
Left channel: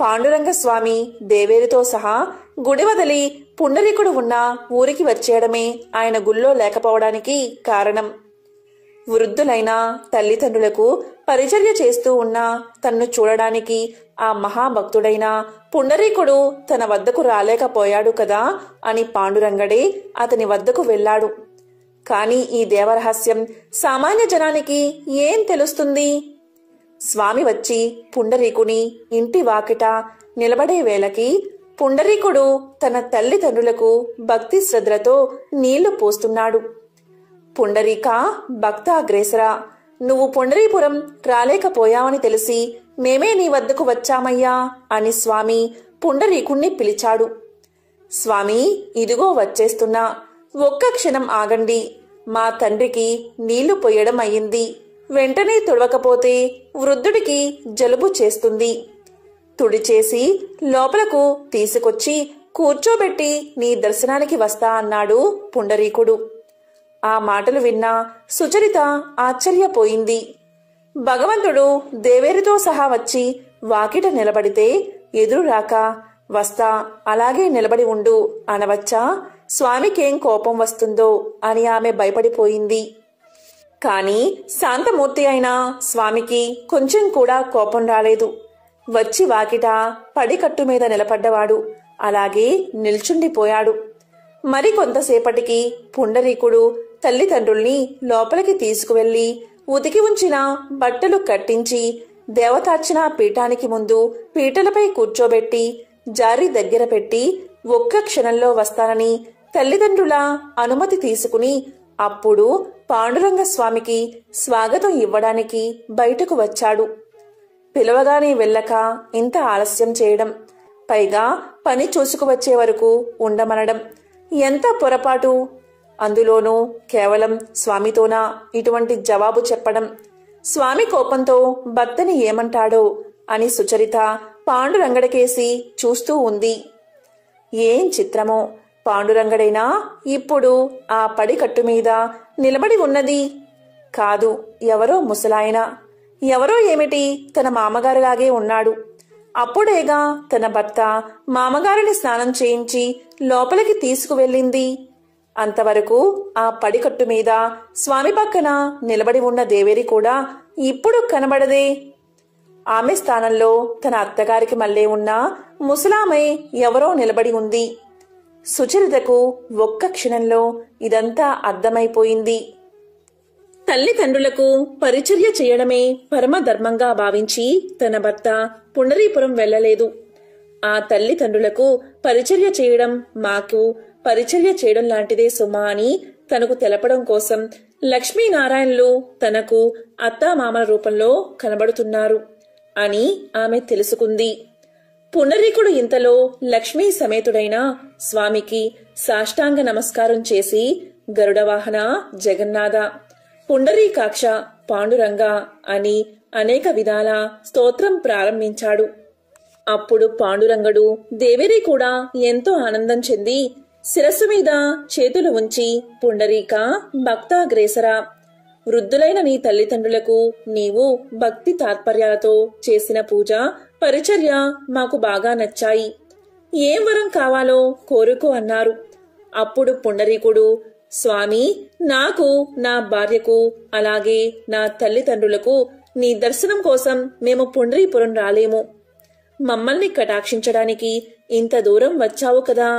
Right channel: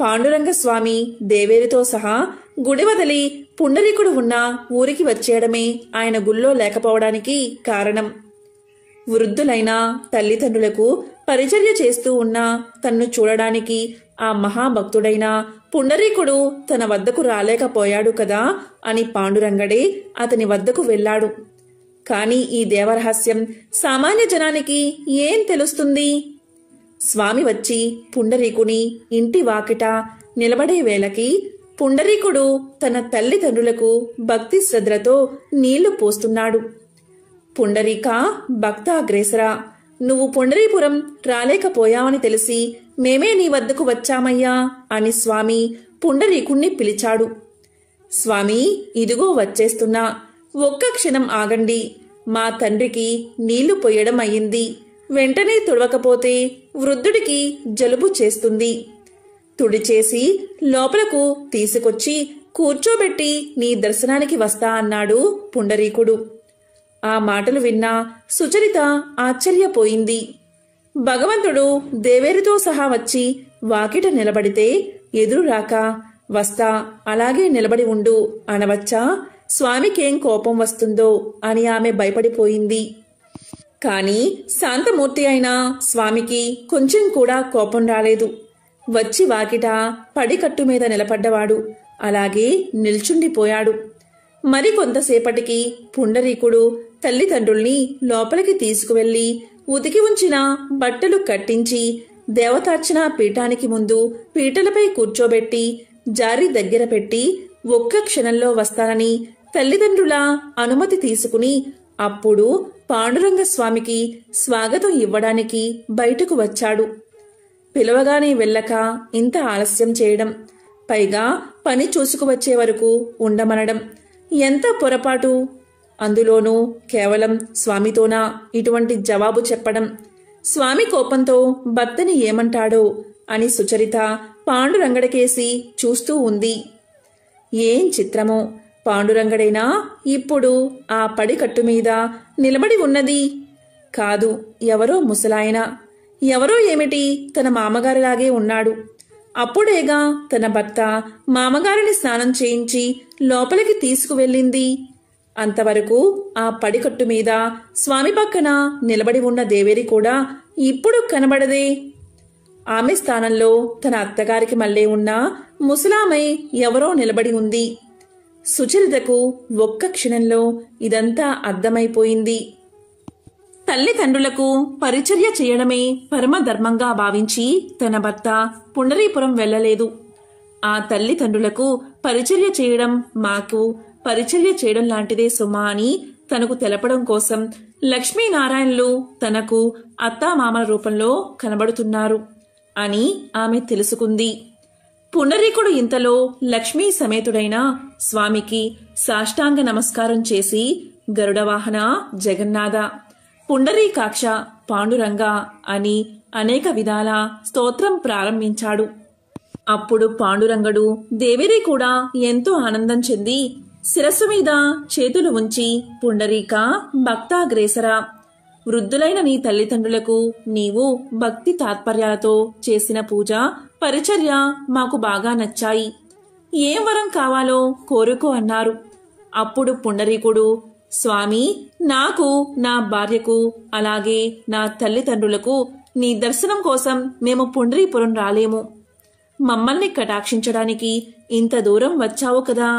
పాండురంగ స్వామి దేవేరితో సహా గుడి వదిలి పుండరీకుడు ఉన్న ఊరికి వచ్చేయడమే ఆయన గుళ్ళో లేకపోవడానికి కారణం. వృద్ధులైన తల్లిదండ్రులకు పరిచర్య చేస్తూ ఉన్న తన్ను చూడడానికి ఆ మహాభక్తుడైన పుండరీకుడు తన వద్దకు రాలేకపోయాడు కదా అని పాండురంగడే అతని వద్దకు వెళ్లాడు. కాని ఈ దేవరహస్యం సామాన్య జనానికి ఏం తెలుస్తుంది? స్వామి వచ్చి పుండరీకుని ఇంటి వాకిట నిలబడే వేళకి పుండరీకుడు తన తల్లిదండ్రులకు భక్తి శ్రద్ధలతో నీళ్లు పోస్తున్నాడు. పుండరీక భక్తాగ్రేసరా, నువ్వు పుండరీపురం రాలేకపోయావని తెలిసి మేమే నీ వద్దకు వచ్చామయ్యా అని స్వామి పుండరీకుణ్ణి పిలిచాడు. స్వామి, ఇదిగో వచ్చేస్తున్నా, ఒక్క క్షణం ఆగండి. మా తండ్రికి నీళ్లు పొయ్యడం అయింది. వెంటనే తుడవకపోతే వృద్ధుడికి జలుబు చేస్తుంది. తుడిచేసి లోపలకు తీసుకొచ్చి కూర్చోబెట్టి నీ దర్శనానికి వస్తా అన్నాడు పుండరీకుడు. ఆ మాటలు విన్న సుచరిత ఆశ్చర్యపోయింది. భగవంతుడు దేవేరితో సహా వచ్చి వాకిట నిలబడితే ఎదురు రాక వస్తా, అలాగే నిలబడి ఉండు అనవచ్చా? స్వామికేం కోపం వస్తుందో అని ఆమె భయపడిపోయింది. కాని శాంతమూర్తి అయిన స్వామికి కొంచెం కూడా కోపం రాలేదు. వచ్చి వాకిట పడికట్టు మీద నిలబడ్డవాడు అలాగే నిల్చుండిపోయాడు. మరికొంతసేపటికి పుండరీకుడు తల్లిదండ్రుల్ని లోపలికి తీసుకువెళ్లి ఉతికి ఉంచిన బట్టలు కట్టించి దేవతార్చన పీఠానికి ముందు పీటలపై కూర్చోబెట్టి జారి దగ్గర పెట్టి ఒక్క క్షణంలో వస్తానని తల్లిదండ్రుల అనుమతి తీసుకుని అప్పుడు పాండురంగ స్వామికి స్వాగతం ఇవ్వడానికి బయటకు వచ్చాడు. పిలవగానే వెళ్ళక ఇంత ఆలస్యం చేయడం, పైగా పని చూసుకువచ్చే వరకు ఉండమనడం ఎంత పొరపాటు! అందులోనూ కేవలం స్వామితోనా ఇటువంటి జవాబు చెప్పడం? స్వామి కోపంతో భర్తని ఏమంటాడో అని సుచరిత పాండురంగడికేసి చూస్తూ ఉంది. ఏం చిత్రమో! పాండురంగడైనా ఇప్పుడు ఆ పడికట్టు మీద నిలబడి ఉన్నది కాదు, ఎవరో ముసలాయన. ఎవరో ఏమిటి, తన మామగారిలాగే ఉన్నాడు. అప్పుడేగా తన భర్త మామగారిని స్నానం చేయించి లోపలికి తీసుకువెళ్ళింది. అంతవరకు ఆ పడికట్టు మీద స్వామి పక్కన నిలబడి ఉన్న దేవేరి కూడా ఇప్పుడు కనబడదే. ఆమె స్థానంలో తన అత్తగారికి మళ్ళీ ఉన్న ముసలామె ఎవరో నిలబడి ఉంది. సుచరితకు ఒక్క క్షణంలో ఇదంతా అర్థమైపోయింది. తల్లిదండ్రులకు పరిచర్య చేయడమే పరమధర్మంగా భావించి తన భర్త పుండరీపురం వెళ్లలేదు. ఆ తల్లిదండ్రులకు పరిచర్య చేయడం మాకు పరిచర్య చేయడం లాంటిదే సుమా అని తనకు తెలపడం కోసం లక్ష్మీనారాయణలు తనకు అత్తామామల రూపంలో కనబడుతున్నారు అని ఆమె తెలుసుకుంది. పుండరీకుడు ఇంతలో లక్ష్మీ సమేతుడైన స్వామికి సాష్టాంగ నమస్కారం చేసి గరుడవాహన జగన్నాథ, పుండరీకాక్ష, పాండురంగ అని అనేక విధాల స్తోత్రం ప్రారంభించాడు. అప్పుడు పాండురంగడు దేవేరి కూడా ఎంతో ఆనందం చెంది శిరస్సు మీద చేతులు ఉంచి పుండరీక భక్తాగ్రేసరా, వృద్ధులైన నీ తల్లిదండ్రులకు నీవు భక్తి తాత్పర్యాలతో చేసిన పూజ పరిచర్య మాకు బాగా నచ్చాయి. ఏం వరం కావాలో కోరుకో అన్నారు. అప్పుడు పుండరీకుడు, స్వామి, నాకు, నా భార్యకు, అలాగే నా తల్లిదండ్రులకు నీ దర్శనం కోసం మేము పుండరీపురం రాలేము. మమ్మల్ని కటాక్షించడానికి ఇంత దూరం వచ్చావు కదా,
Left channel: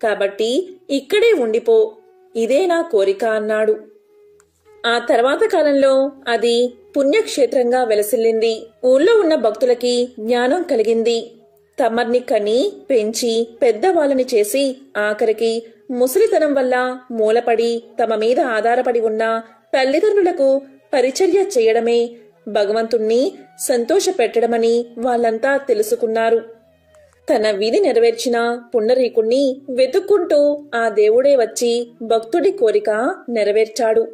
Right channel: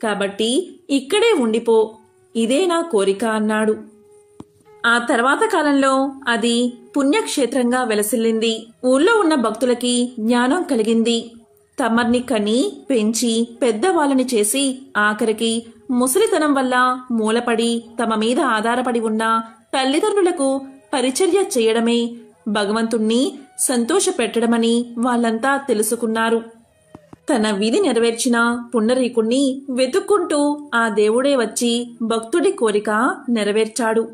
కాబట్టి ఇక్కడే ఉండిపో, ఇదే నా కోరిక అన్నాడు. ఆ తర్వాత కాలంలో అది పుణ్యక్షేత్రంగా వెలసిల్లింది. ఊళ్ళో ఉన్న భక్తులకి జ్ఞానం కలిగింది. తమర్ని కని పెంచి పెద్దవాళ్ళని చేసి ఆఖరికి ముసలితనం వల్ల మూలపడి తమ మీద ఆధారపడి ఉన్న తల్లిదండ్రులకు పరిచర్య చేయడమే భగవంతుణ్ణి సంతోషపెట్టడమని వాళ్ళంతా తెలుసుకున్నారు. తన విధి నెరవేర్చిన పుండరీకుణ్ణి వెతుక్కుంటూ ఆ దేవుడే వచ్చి భక్తుడి కోరిక నెరవేర్చాడు.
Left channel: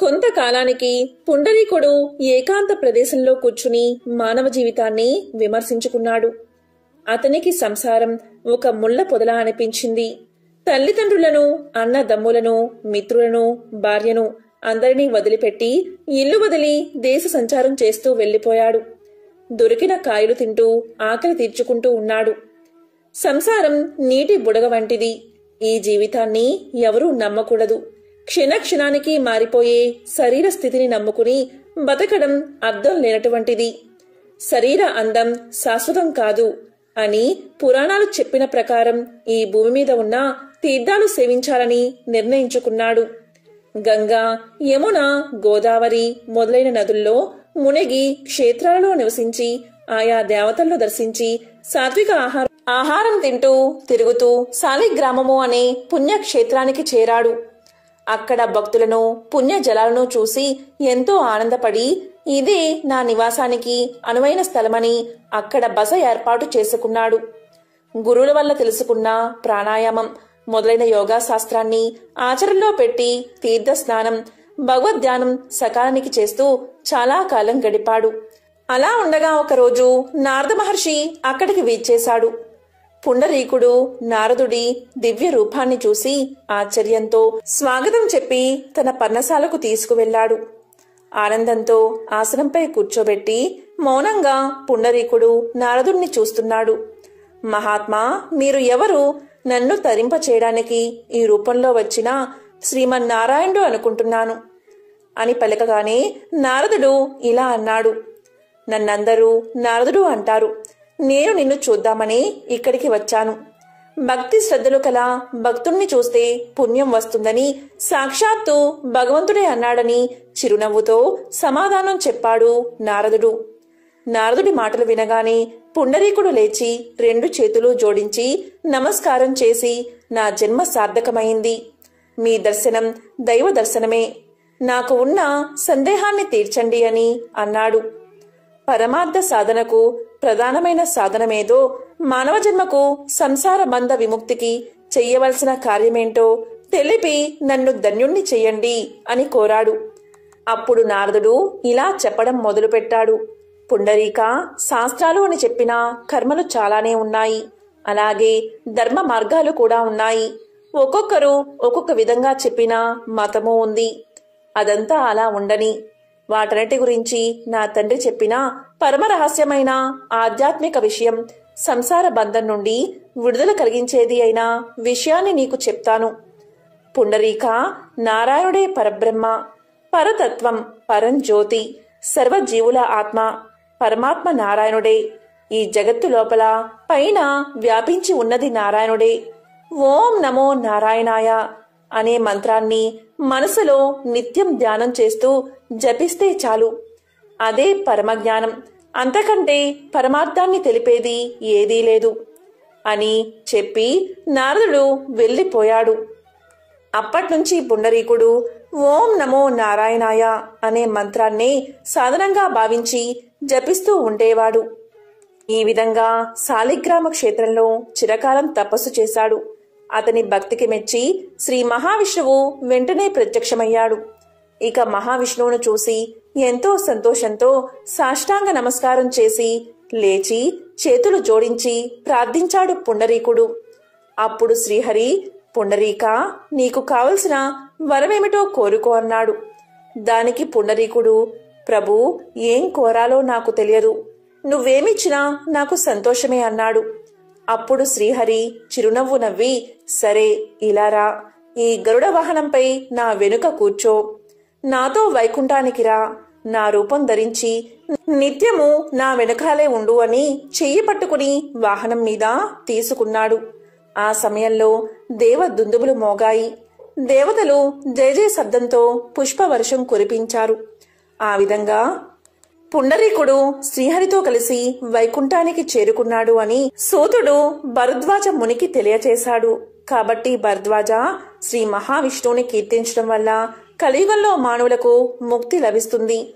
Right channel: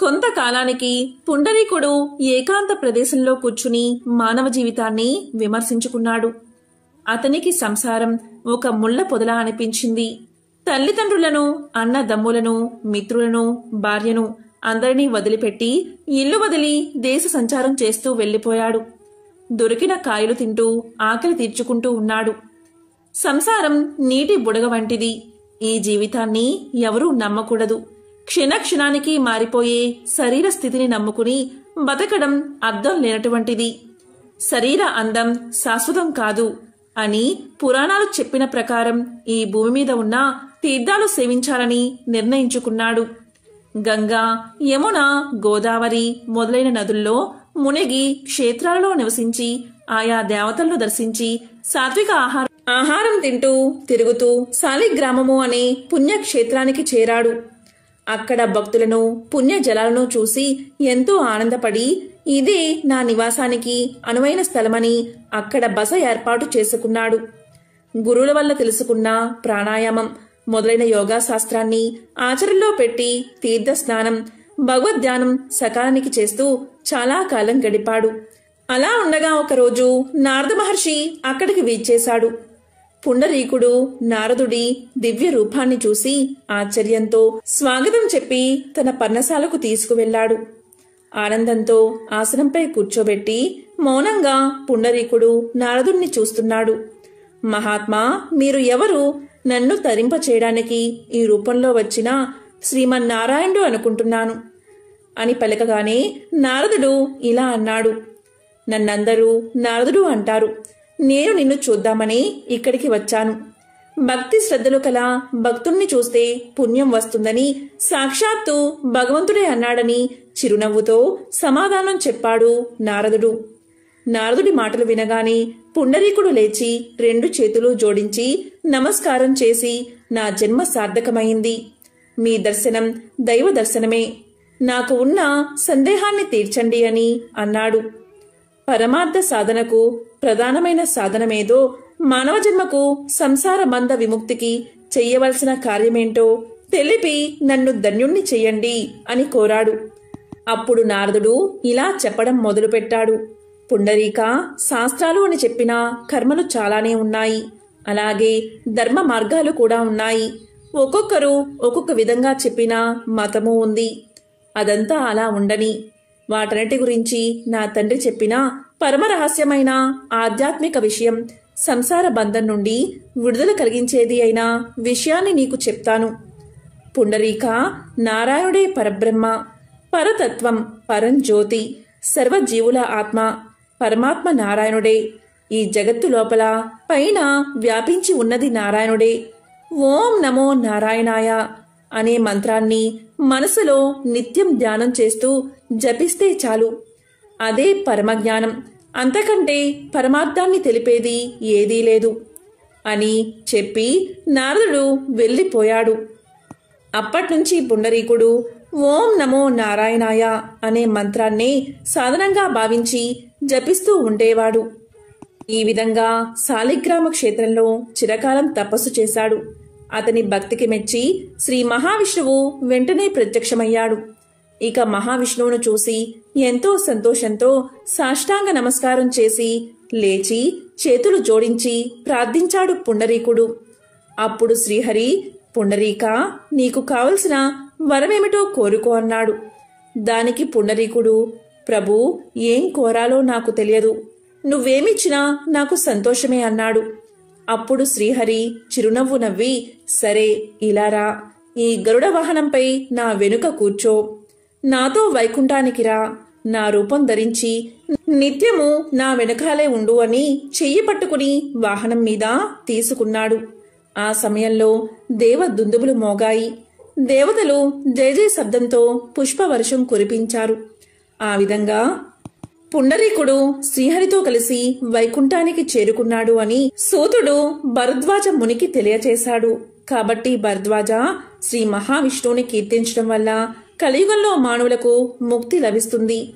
కొంతకాలానికి పుండరీకుడు ఏకాంత ప్రదేశంలో కూర్చుని మానవ జీవితాన్ని విమర్శించుకున్నాడు. అతనికి సంసారం ఒక ముళ్ల పొదలా అనిపించింది. తల్లిదండ్రులను, అన్నదమ్ములను, మిత్రులను, భార్యను అందరినీ వదిలిపెట్టి ఇల్లు వదిలి దేశ సంచారం చేస్తూ వెళ్లిపోయాడు. దొరికిన కాయలు తింటూ ఆకలి తీర్చుకుంటూ ఉన్నాడు. సంసారం నీటి బుడగ వంటిది. ఈ జీవితాన్ని ఎవరూ నమ్మకూడదు. క్షణక్షణానికి మారిపోయే శరీర స్థితిని నమ్ముకుని బతకడం అర్థం లేనటువంటిది. శరీర అందం శాశ్వతం కాదు అని పురాణాలు చెప్పిన ప్రకారం ఈ భూమి మీద ఉన్న తీర్థాలు సేవించాలని నిర్ణయించుకున్నాడు. గంగా, యమున, గోదావరి మొదలైన నదుల్లో మునిగి క్షేత్రాలలో నివసించి ఆయా దేవతలను దర్శించి సాత్విక ఆహారం తింటూ తిరుగుతూ శాలిగ్రామము అనే పుణ్యక్షేత్రానికి చేరాడు. అక్కడ భక్తులను, పుణ్య జలాలను చూసి ఎంతో ఆనందపడి ఇదే నా నివాసానికి అనువైన స్థలమని అక్కడ బస ఏర్పాటు చేసుకున్నాడు. గురువుల వల్ల తెలుసుకున్న ప్రాణాయామం మొదలైన యోగా శాస్త్రాన్ని ఆచరణలో పెట్టి తీర్థ స్నానం, భగవద్ధ్యానం సకాలానికి చేస్తూ చాలా కాలం గడిపాడు. అలా ఉండగా ఒకరోజు నారద మహర్షి అక్కడికి వీచేశాడు. పుండరీకుడు నారదుడి దివ్య రూపాన్ని చూసి ఆశ్చర్యంతో స్వాగతం చెప్పి తన పర్ణశాలకు తీసుకువెళ్లాడు. ఆనందంతో ఆసనంపై కూర్చోబెట్టి మౌనంగా పుండరీకుడు నారదుణ్ణి చూస్తున్నాడు. మహాత్మా, మీరు ఎవరు? నన్ను తరింప చేయడానికి ఈ రూపంలో వచ్చిన శ్రీమన్నారాయణుడు అనుకుంటున్నాను అని పలకగానే నారదుడు ఇలా అన్నాడు. నన్నందరూ నారదుడు అంటారు. నేను నిన్ను చూద్దామని ఇక్కడికి వచ్చాను. భక్తి శ్రద్ధలు కల భక్తుణ్ణి చూస్తే పుణ్యం వస్తుందని సాక్షాత్తు భగవంతుడే అన్నాడని చిరునవ్వుతో సమాధానం చెప్పాడు నారదుడు. నారదుడి మాటలు వినగానే పుండరీకుడు లేచి 2 చేతులు జోడించి నమస్కారం చేసి, నా జన్మ సార్థకమైంది. మీ దర్శనం దైవ దర్శనమే. నాకు ఉన్న సందేహాన్ని తీర్చండి అని అన్నాడు. పరమార్థ సాధనకు ప్రధానమైన సాధనమేదో, మానవ జన్మకు సంసార బంధ విముక్తికి చెయ్యవలసిన కార్యమేంటో తెలిపి నన్ను ధన్యుణ్ణి చెయ్యండి అని కోరాడు. అప్పుడు నారదుడు ఇలా చెప్పడం మొదలుపెట్టాడు. పుండరీక, శాస్త్రాలు అని చెప్పిన కర్మలు చాలానే ఉన్నాయి. అలాగే ధర్మ మార్గాలు కూడా ఉన్నాయి. ఒక్కొక్కరు ఒక్కొక్క విధంగా చెప్పిన మతము ఉంది. అదంతా అలా ఉండని, వాటన్నిటి గురించి నా తండ్రి చెప్పిన పరమ రహస్యమైన ఆధ్యాత్మిక విషయం, సంసార బంధం నుండి విడుదల కలిగించేది అయిన విషయాన్ని నీకు చెప్తాను. పుండరీక, నారాయణుడే పరబ్రహ్మ, పరతత్వం, పరంజ్యోతి, సర్వజీవుల ఆత్మ, పరమాత్మ నారాయణుడే. ఈ జగత్తు లోపల పైన వ్యాపించి ఉన్నది నారాయణుడే. ఓం నమో నారాయణాయ అనే మంత్రాన్ని మనసులో నిత్యం ధ్యానం చేస్తూ జపిస్తే చాలు. అదే పరమజ్ఞానం. అంతకంటే పరమార్థాన్ని తెలిపేది ఏదీ లేదు అని చెప్పి నారదుడు వెళ్ళిపోయాడు. అప్పట్నుంచి పుండరీకుడు ఓం నమో నారాయణాయ అనే మంత్రాన్ని సాధనంగా భావించి జపిస్తూ ఉండేవాడు. ఈ విధంగా శాలిగ్రామ క్షేత్రంలో చిరకాలం తపస్సు చేశాడు. అతని భక్తికి మెచ్చి శ్రీ మహావిష్ణువు వెంటనే ప్రత్యక్షమయ్యాడు. ఇక మహావిష్ణువును చూసి ఎంతో సంతోషంతో సాష్టాంగ నమస్కారం చేసి లేచి చేతులు జోడించి ప్రార్థించాడు పుండరీకుడు. అప్పుడు శ్రీహరి, పుండరీక, నీకు కావలసిన వరమేమిటో కోరుకో అన్నాడు. దానికి పుండరీకుడు, ప్రభు, ఏం కోరాలో నాకు తెలియదు. నువ్వేమిచ్చినా నాకు సంతోషమే అన్నాడు. అప్పుడు శ్రీహరి చిరునవ్వు నవ్వి, సరే ఇలారా, ఈ గరుడ వాహనంపై నా వెనుక కూర్చో, నాతో వైకుంఠానికి రా, నా రూపం ధరించి నిత్యము నా వెనుకాలే ఉండు అని చెయ్యి పట్టుకుని వాహనం మీద తీసుకున్నాడు. ఆ సమయంలో దేవ దుందుబులు మోగాయి. దేవతలు జయ జయ శబ్దంతో పుష్పవర్షం కురిపించారు. ఆ విధంగా పుండరీకుడు శ్రీహరితో కలిసి వైకుంఠానికి చేరుకున్నాడు అని సూతుడు భరద్వాజ మునికి తెలియచేశాడు. కాబట్టి భరద్వాజ శ్రీ మహావిష్ణువుని కీర్తించడం వల్ల కలియుగంలో మానవులకు ముక్తి లభిస్తుంది.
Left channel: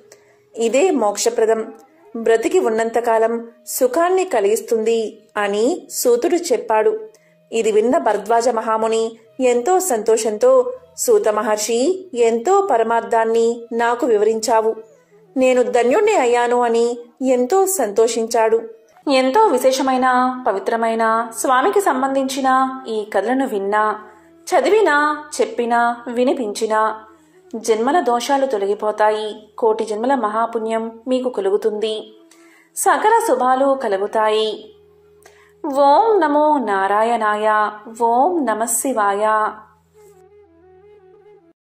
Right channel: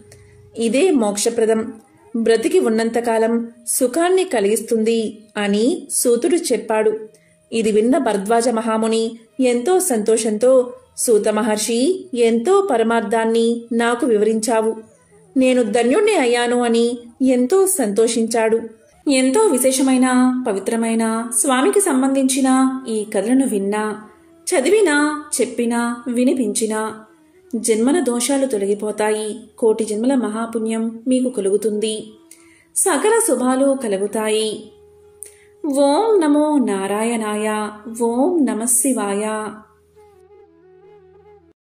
ఇదే మోక్షప్రదం, బ్రతికి ఉన్నంతకాలం సుఖాన్ని కలిగిస్తుంది అని సూతుడు చెప్పాడు. ఇది విన్న భరద్వాజ మహాముని ఎంతో సంతోషంతో, సూత మహర్షి, ఎంతో పరమార్థాన్ని నాకు వివరించావు, నేను ధన్యుణ్ణి అయ్యాను అని ఎంతో సంతోషించాడు. ఎంతో విశేషమైన పవిత్రమైన స్వామికి సంబంధించిన ఈ కథలను విన్నా, చదివినా, చెప్పినా, వినిపించినా జన్మల దోషాలు తొలగిపోతాయి. కోటి జన్మల మహాపుణ్యం మీకు కలుగుతుంది. సకల శుభాలు కలుగుతాయి. ఓం నమో నారాయణాయ. ఓం నమః శివాయ.